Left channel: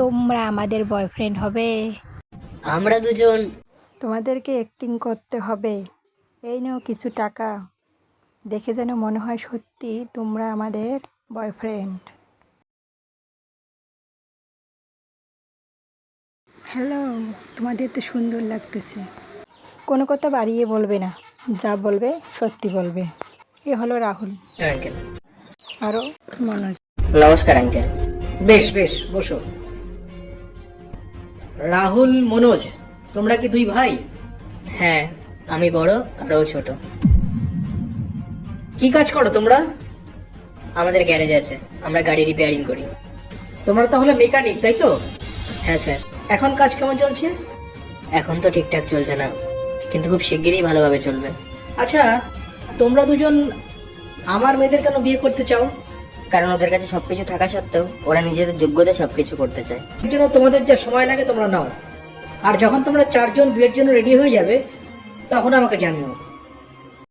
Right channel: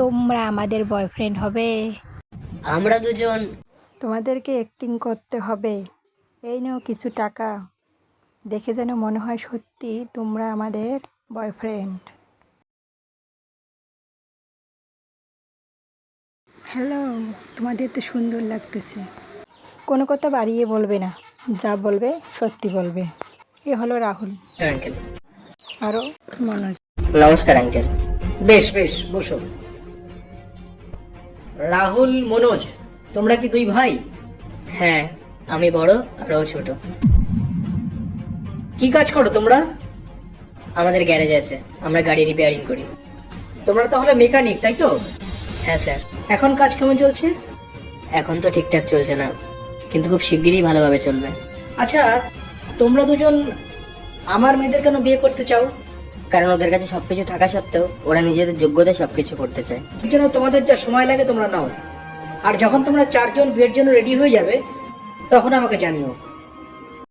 তোমরা আমাদের বয়ফ্রেন্ড হবে। আমরা দুজন। তোমাদেরকে অ্যাক্টিং করতে হবে। এই নাও কিছু টাকা, দেখে যেন মনে হয় সত্যি তোমরা আমাদের বয়ফ্রেন্ড। হ্যালো, তোমাদের তো সুন্দর লাগতেছে। কোনো কথা বাড়িয়ে বলবে না, যা বলবে সত্যি বলবে। এ হলো রাহুল, আঙ্কেল। আরও মনোজ। নমস্কার আঙ্কেল। বেশ বেশ, বসো। রাহুল, মনোজ, তোমরা কি দুই ভাই? হ্যাঁ, আমি বড় আর ও ছোট। কি কাজ করো তোমরা? আমাদের গ্যারেজ আছে, আমরা গাড়ি রিপেয়ারিং করি। তোমরা তাহলে মেকানিক, তাই তো? হ্যাঁ স্যার। এখন কাজ কেমন চলছে? এখন তো ঠিকঠাক চলছে না, কিন্তু খুব শিগগিরই ভালোভাবে চলবে। আচ্ছা, তোমরা দুজন আমার মেয়েদের কেন বিয়ে করতে চাও? কারণ ওদের কাছে সবকিছু থাকা সত্ত্বেও ওরা নিজেদের যোগ্যতায় সবকিছু করতে চায়। এর জন্য তোমাদের যা সময় লাগে তোমরা নাও, আর যখন তোমরা চারজন বিয়ের জন্য রেডি হয়ে যাবে তখন আমাকে জানিও।